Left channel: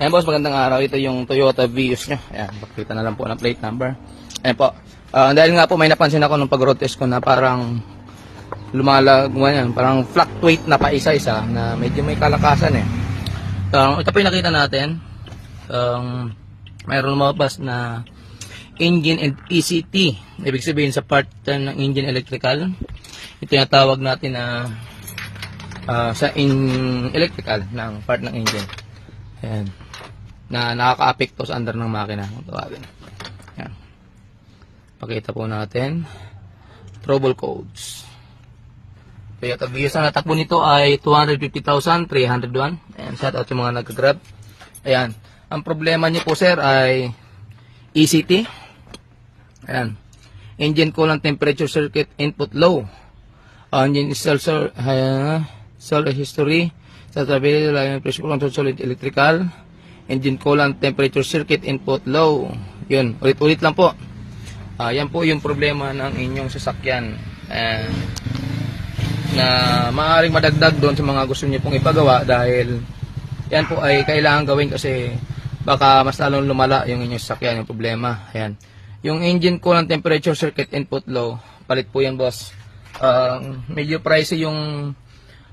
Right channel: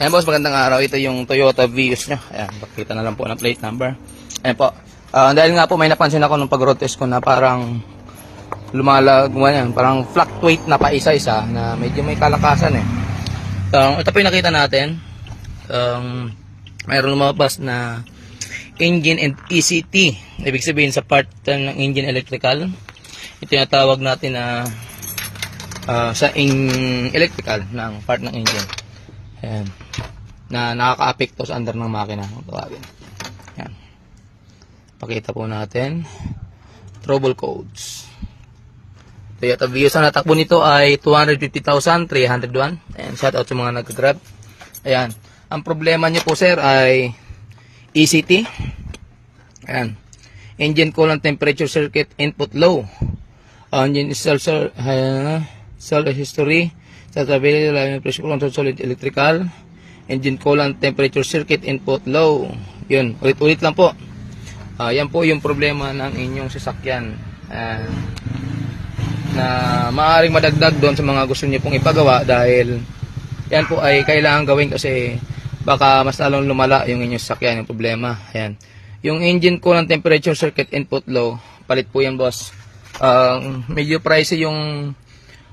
Ayan boss, magandang araw. Ito yung Toyota Vios nyo. Ayan, pakita na lang po ng plate number. Ayan po. Dahil nga po may napansin ako nung pag-road test ko na parang lumalagwan, parang fluctuate na pa isa-isa na medyo may kalakasan eh. Ito po yung nakita natin. Mayroon lumabas na engine and ECT. Ibig sabihin sa part ng engine electrical. Ito yung tawag natin na sa electrical ng part ng engine. Ayan. Na nakaka-apekto sa under ng makina. Ayan. Pakita po natin. Trouble codes. Toyota Vios, ang natakbo nito ay 250,301. Ayan. Shout out sa mga nag-grab. Ayan. Ang problema nyo po sir ay ECT. Ayan. Engine coolant temperature circuit input low. Engine sensor history. Stability, line pressure control, solid electrical, engine coolant temperature circuit input low. Yun, ulit-ulit lang po. Yan po yung problema ng inyong sasakyan. Na maaaring madagdag doon sa mga gusto niyo pong ipagawa dahil yan po ay kailangan gawin kasi baka mas lalong lumala yung inyong sasakyan, yung problema. Ayan. Yung engine coolant temperature circuit input low, palit po yan boss. Medyo pricey yung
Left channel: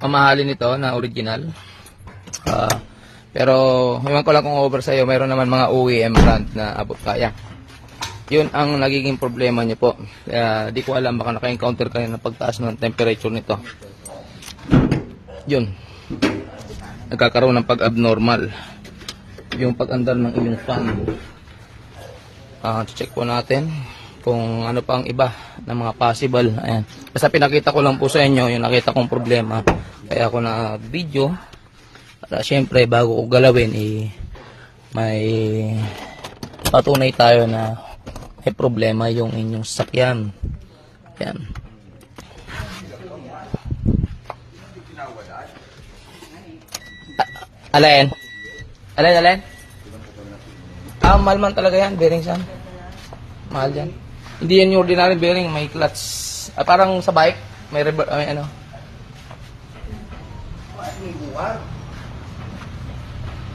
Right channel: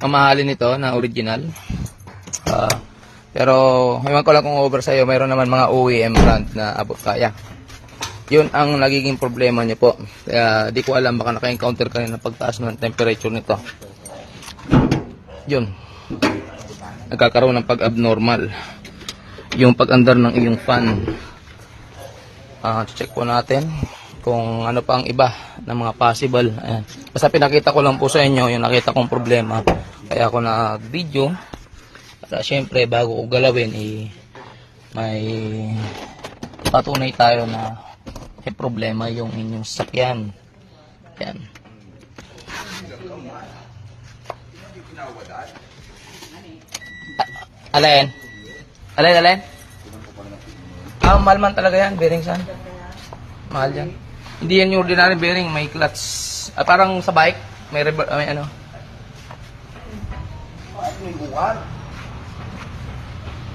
mamahalin nito na original. Pero ewan ko lang kung over sa'yo, mayroon naman mga OEM brand na abot kaya. Yun ang nagiging problema nyo po. Kaya di ko alam, baka naka-encounter ka rin ng pagtaas ng temperature nito. Yun. Nagkakaroon ng pag-abnormal yung pag-andar ng iyong fan. Check po natin kung ano pa ang iba ng mga possible. Ayan. Kasi pinakita ko lang po sa inyo yung nakita kong problema. Kaya ako na video para syempre bago ko galawin may patunay tayo na may problema yung inyong sasakyan. Yan. Alin? Mahal man talaga yan, bearing san. Mahal yan. Hindi yan yung ordinary bearing, may clutch. Parang sa bike, may ano.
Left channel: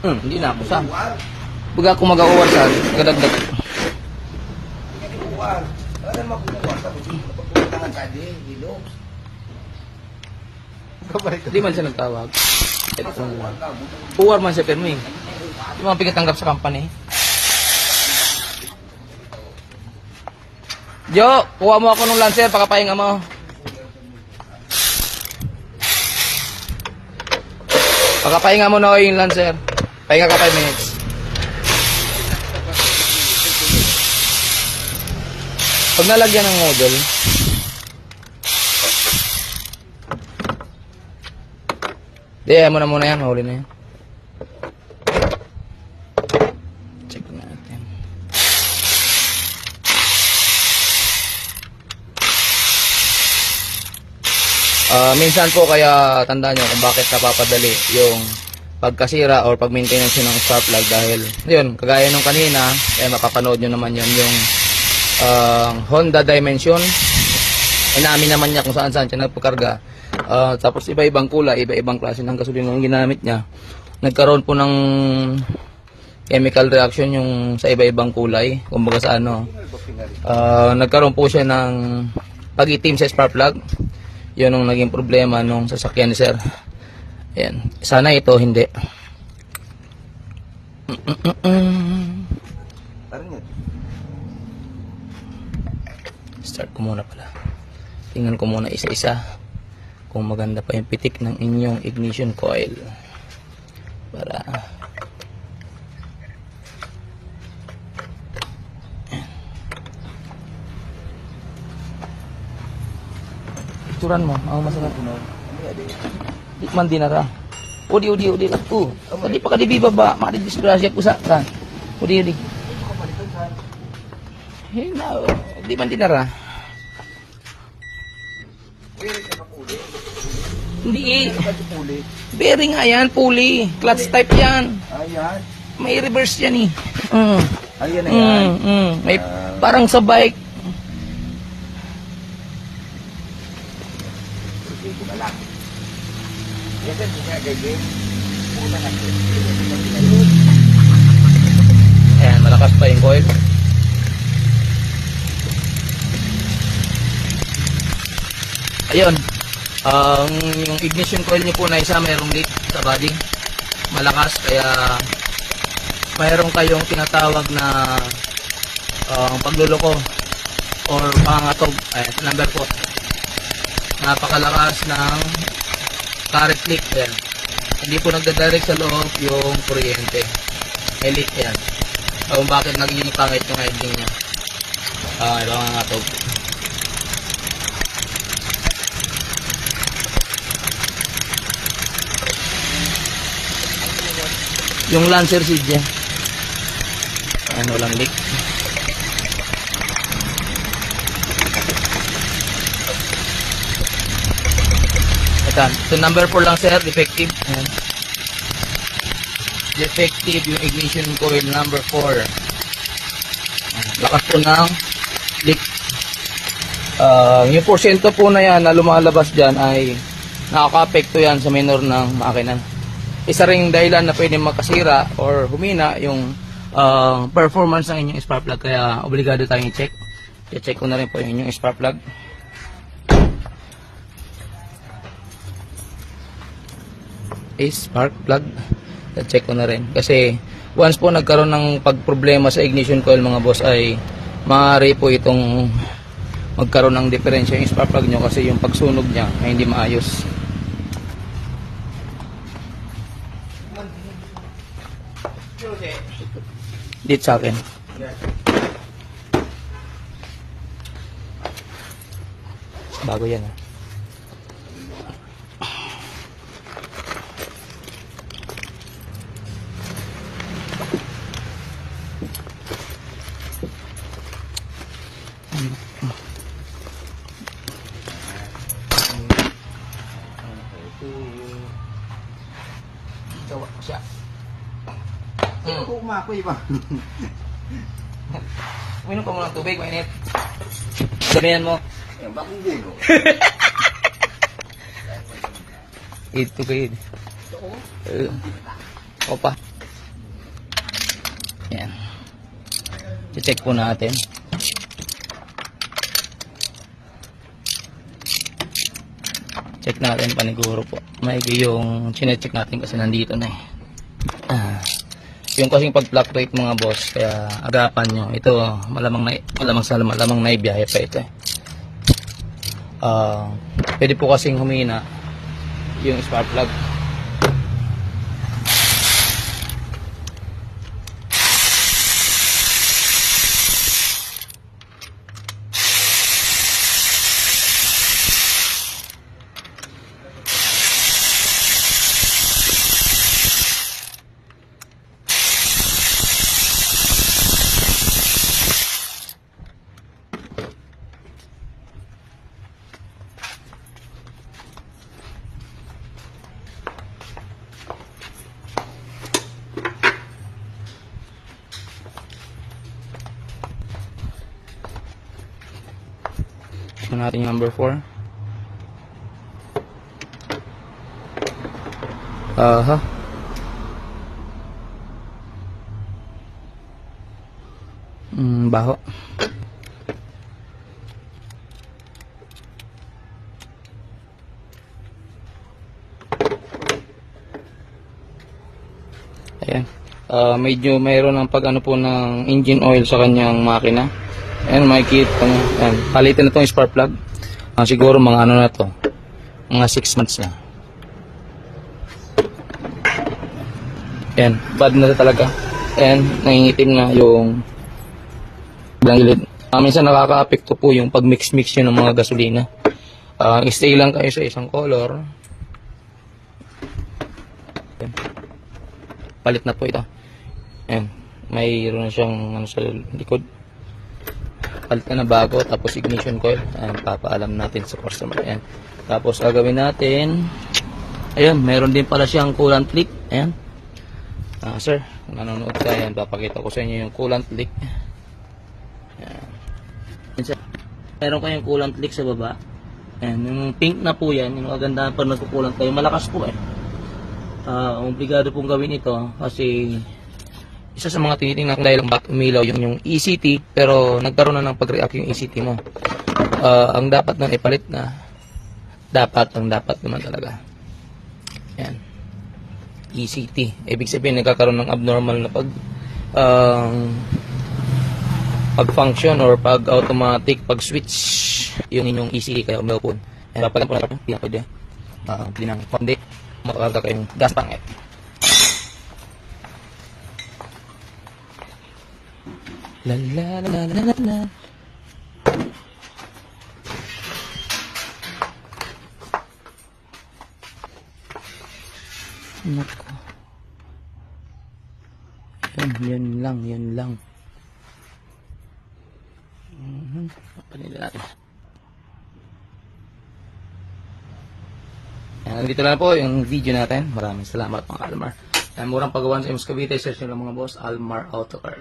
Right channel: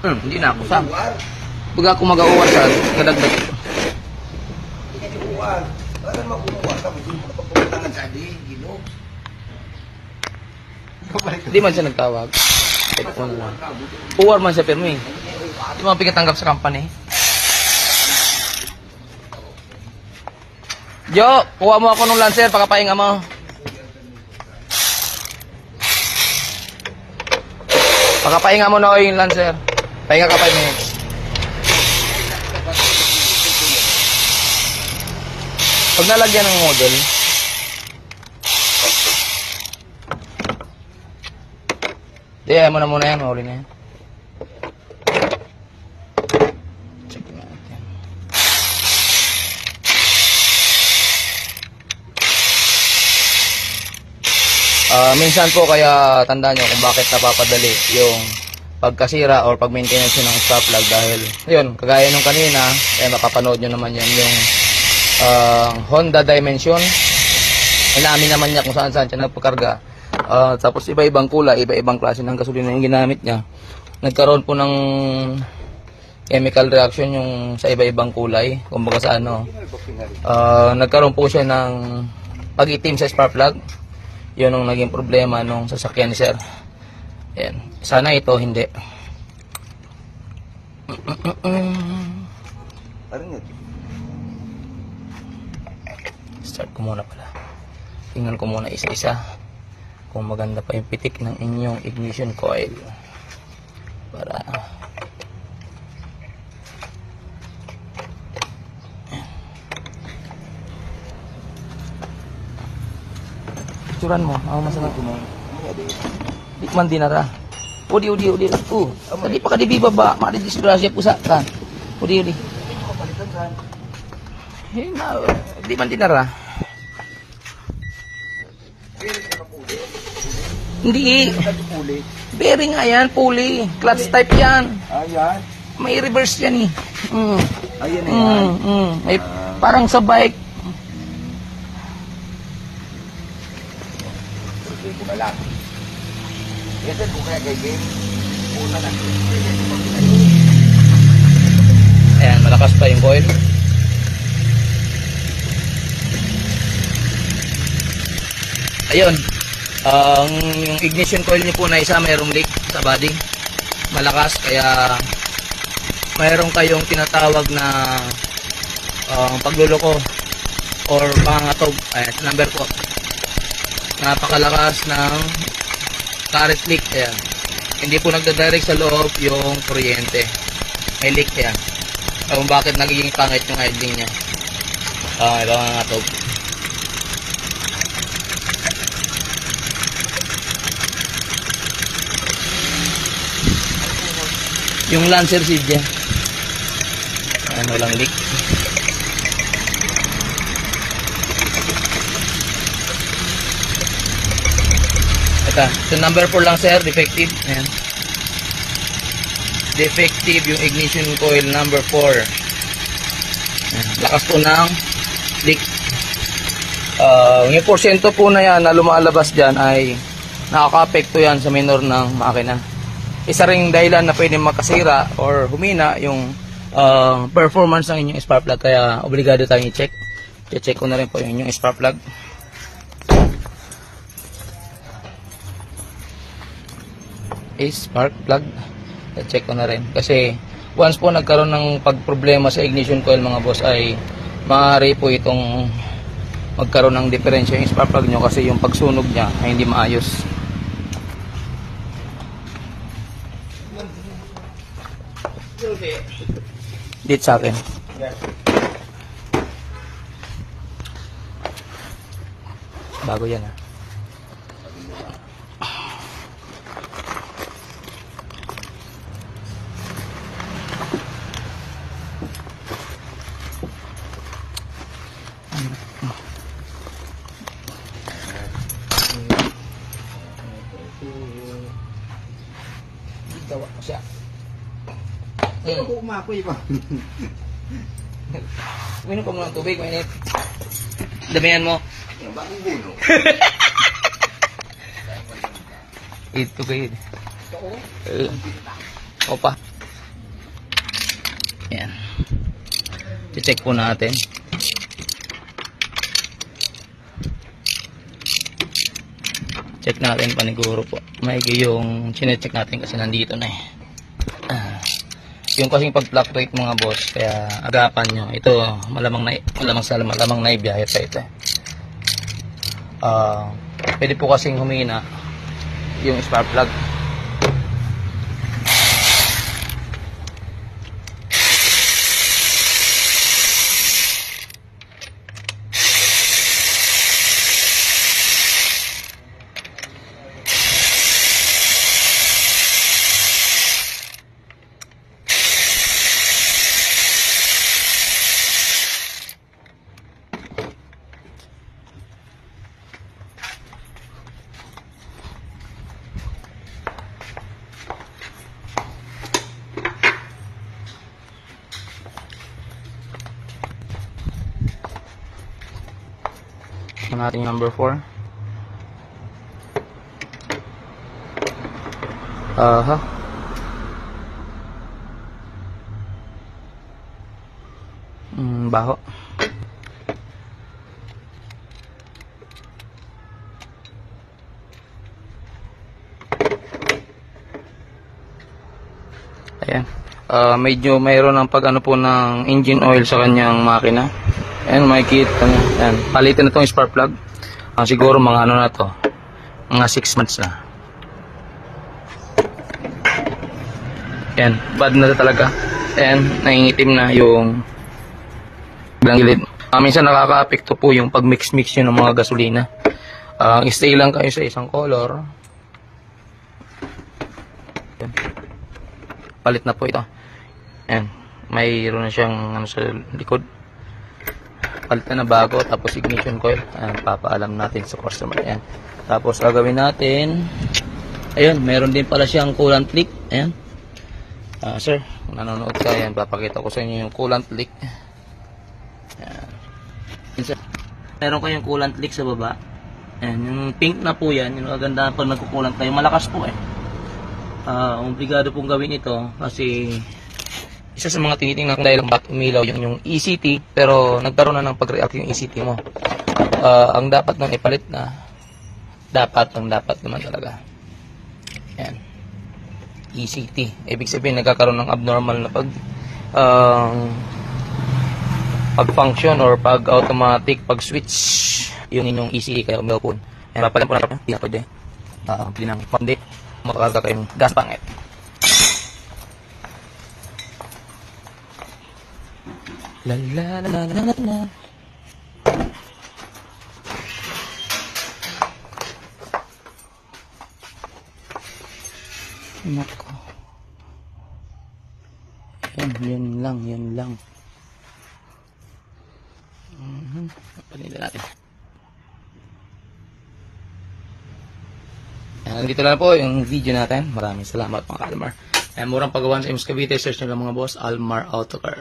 Hindi na ako sa. Baga ako mag-awal sa kadagdag. Hindi man siya nagtawag. Uwar man siya pero eh. Hindi man pinatanggap sa company. Jo, kuha mo ako ng Lancer, pakapahinga mo. Pakapahinga mo na ako yung Lancer. Pahinga ka 5 minutes. Pag nalagyan ng model, ayaw mo na muna yan, huli na yan. Check natin. Minsan po kaya tandaan nyo kung bakit napapadali yung pagkasira or pag-maintenance ng spark plug dahil yun, kagaya ng kanina, nakapanood nyo naman yan yung Honda Dimension. Inamin naman niya kung saan siya nagpakarga. Tapos iba-ibang kulay, iba-ibang klase ng gasolina yung ginamit niya. Nagkaroon po ng chemical reaction yung sa iba-ibang kulay. Kumbaga sa ano, nagkaroon po siya ng pag-itim sa spark plug. Yun ang naging problema nung sasakyan ni sir. Ayan. Sana ito hindi. Start ko muna pala. Tingnan ko muna isa-isa kung maganda pa yung pitik ng inyong ignition coil. Para picturan mo. Ang masarap mo. Di man dinara. Udi. Tadi pa kadibi baba, mari disgrasya pusa ka. Udi. Di man dinara. Hindi. Bearing nga yan, pulley. Clutch type yan. Ayan. May reverse yan eh. Ayan na yan. May parang sa bike. Yan din, kung kaya gagawin. malakas pa yung coil. Ayun, yung ignition coil nyo po na isa mayroong leak sa body, malakas, kaya mayroong kayong tinatawag na pagluloko or pangangatog. Ayan, number po, napakalakas ng current leak. Ayan, hindi po nagdadirect sa loob yung kuryente, may leak. Ayan, kung bakit nagiging pangit yung idling nya. May pangangatog. Yung Lancer seed yan, ayan, walang leak. Ito, so number 4 lang sir, defective. Ayan, defective yung ignition coil number 4. Ayan, lakas po ng leak. Yung porsyento po na yan na lumalabas dyan ay nakaka-apekto yan sa minor ng makina. Isa ring dahilan na pwede makasira or humina yung performance ng inyong spark plug, kaya obligado tayong i-check. I-check ko na rin po yung inyong spark plug. Spark plug, i-check ko na rin kasi once po nagkaroon ng pagproblema sa ignition coil mga boss, ay maaari po itong magkaroon ng diferensya yung spark plug nyo kasi yung pagsunog niya ay hindi maayos. Dito sa akin. Bago yan, ha. Gawa ko siya. Ako umapoy ba? Uminom ka muna ng tubig, mainit. Damihan mo. Yan, bakong gulo. Ito kayo. Opa. Yan. I-check po natin. Check natin paniguro po. Maigi yung sinecheck natin kasi nandito na eh. Yung kasing pag-fluctuate mga boss, kaya agapan nyo. Ito malamang naibiyahe pa ito eh. Pwede po kasing humina yung spark plug. Ito natin yung number 4. Baho. Ayan. Medyo mayroon ng pag-ano po ng engine oil sa kanyang makina. Ayan, makikita nyo. Ayan, palitan na itong spark plug. Siguro mga ano na to, mga 6 months na. Ayan, bad na ito talaga. Ayan, nangingitim na yung bilang gilid. Minsan nakaka-apekto po yung pag-mix-mix nyo ng mga gasolina. Stay lang kayo sa isang color. Palit na po ito. Ayan, mayroon na siyang ano sa likod. Palit na bago, tapos ignition coil. Ayan, papaalam natin sa customer. Ayan. Tapos gagawin natin, ayun, meron din pala siyang coolant leak. Ayan. Sir, kung nanonood ka, ayan, papakita ko sa inyo yung coolant leak. Ayan. Meron kayong coolant leak sa baba. Ayan, yung pink na po yan, yung kagandahan pag nagkukulant tayo, malakas po eh. Obligado pong gawin ito kasi isa sa mga tinitingnan kung dahil lang bakit umilaw yung ECT, pero nagkaroon na ng pag-react yung ECT mo. Ang dapat nang ipalit na, dapat naman talaga. Yan. ECT. Ibig sabihin, nagkakaroon ng abnormal na pag-function or pag-automatic, pag-switch yung inyong ECT ka umilaw po. Yan, papalan po natin. Yan po din. Pinang pandi. Makakarga kayong gas pangit. La la la la la la. Nako. Yan lang. Panila natin. Dito na po yung video natin. Maraming salamat mga Almar. Murang pagawan sa Imus Cavite. Search nyo lang mga boss. Almar Autocar.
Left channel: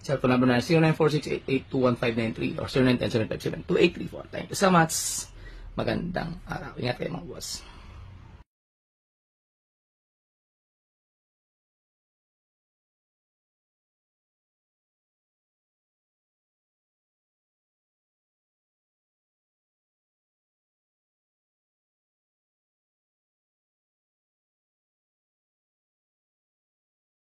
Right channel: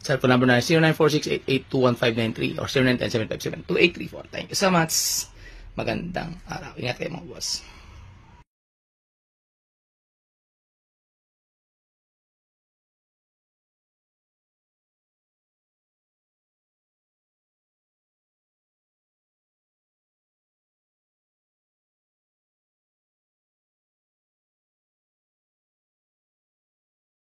Cellphone number na 0946-8821593 or 0910-757-2834. Thank you so much. Magandang araw. Ingat kayo mga boss.